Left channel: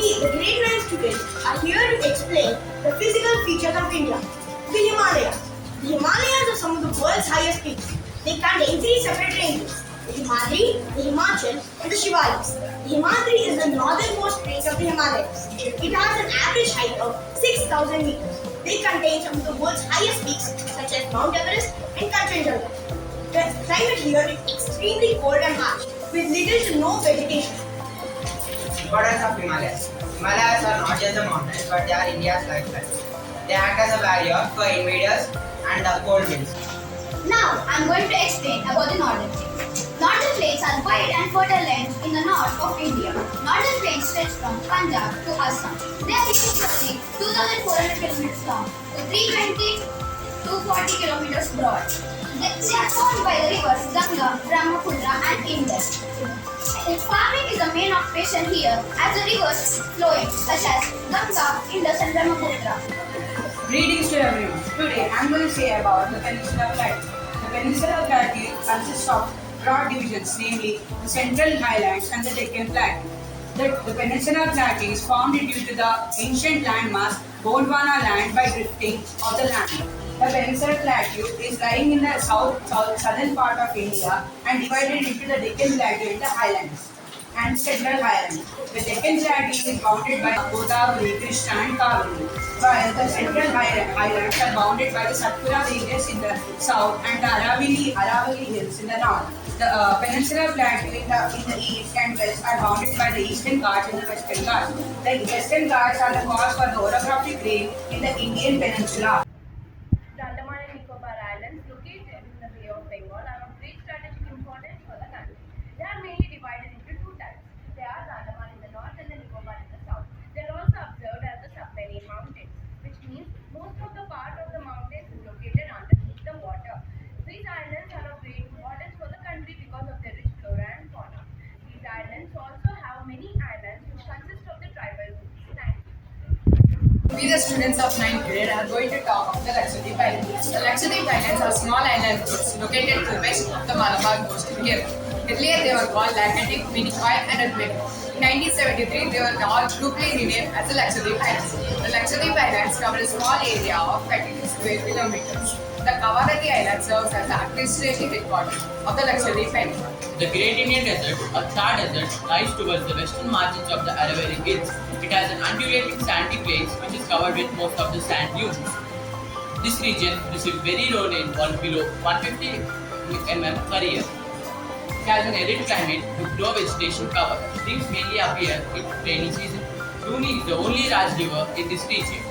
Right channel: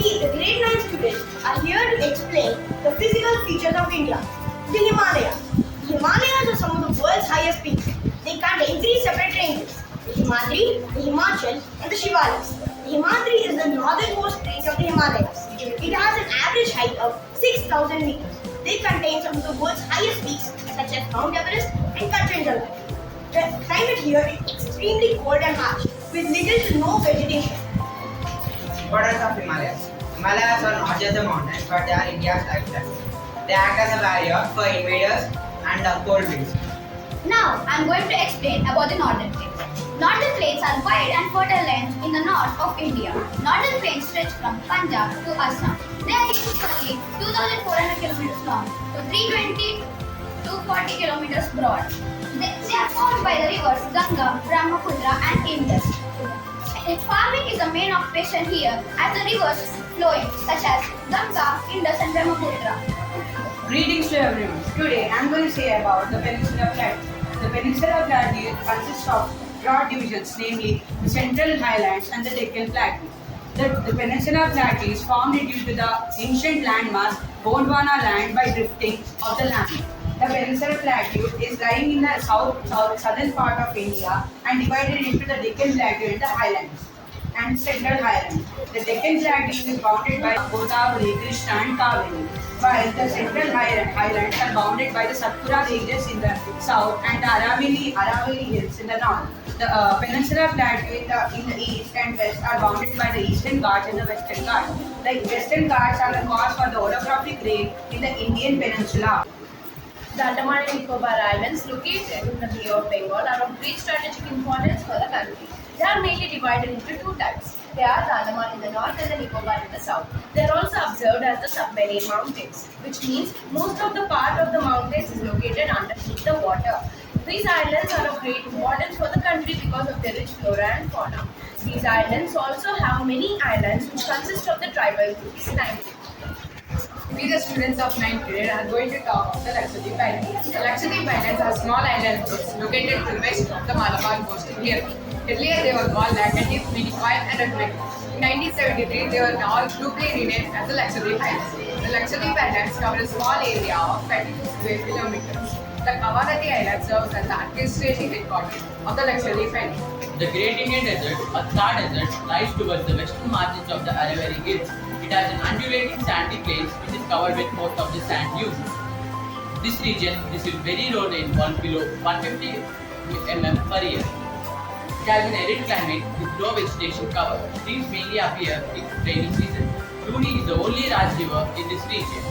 We, the grade 9 students, are here to explain the physical features of India. The Himalayas. The Himalayas are some of the world's highest peaks. They contain three separate ranges: the Himadri, the Himachal, and the Shivalis. The Himadri is the northernmost range of the Himalayas. It has an average height of 6,000 meters. They contain some of the world's highest peaks, such as Mount Everest and Kanchenjunga. The climate here is extremely cold and harsh, with little to no vegetation. Importance of Himalayas. Himalayas are not just the mountains, but they are India's lifeline. They act as a barrier for invaders and cold winds. Now, I am going to explain about the northern plains. Northern plains are wide and fertile lands in the north of India. Northern plains stretch from Punjab to Assam. They are usually 2,400 kilometers long to 320 to 40 kilometers broad. They are formed by the rivers Ganga, Brahmaputra and Indus. Farming is the main occupation here as the rivers flowing such as Ganga, Indus and Brahmaputra. Greetings to everyone. Today I am going to say about the Peninsular Plateau. The Peninsular Plateau consists of broad divisions, namely the Central Highlands and the Deccan Plateau. The Peninsular Plateau is formed due to the ancient landmass Gondwana land by drifting of the land. The Peninsular Plateau is lying in the southern part of India and divided into the Deccan Plateau and the Highlands and Central Highlands. The Deccan Plateau is bounded by Godavari, Krishna and Kaveri, while the Central Highlands are bounded by the Satpura ranges in the south and the Aravalli Hills in the north. The Peninsular Plateau in the east and west are bounded by the Eastern Ghats and the Western Ghats. The Western Ghats are the cause for the orographic rain in the Indian Peninsula. The Andaman and Nicobar Islands, located in the Bay of Bengal, are of great strategic importance for the country. They are mainly divided into two types. They are the Andaman in the north and the Nicobar in the south. They are also observed as the submarine mountains, which means most of the part of the mountains is located underneath the water. These islands are of great importance for the country because of their rich flora and fauna. These islands also have many islands which consist of the tribal groups. Thank you. We, the students of 9th grade, are going to talk of the Lakshadweep Islands. The Lakshadweep Islands are small island groups located to the west of the Malabar coast in Kerala. Earlier, they were called Laccadive, meaning quiet and admitted. In 1973, they were all grouply renamed as the Lakshadweep Islands. The Lakshadweep Islands cover a small area of 32 square kilometers. The Kavarati Island serves as the administrative headquarters of the Lakshadweep Islands. The Great Indian Desert, a Thar desert, lies towards the western margins of the Aravalli Hills. It has an undulating sandy plains which is covered with most of the sand dunes. This region receives very low rainfall below 150 mm per year. It has an arid climate with no vegetation cover. Things mainly appear in rainy season. Luni is the only large river in this region.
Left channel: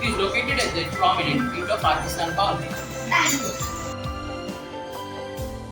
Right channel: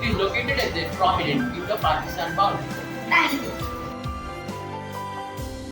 It is located at the prominent Indo-Pakistan boundary. Thank you.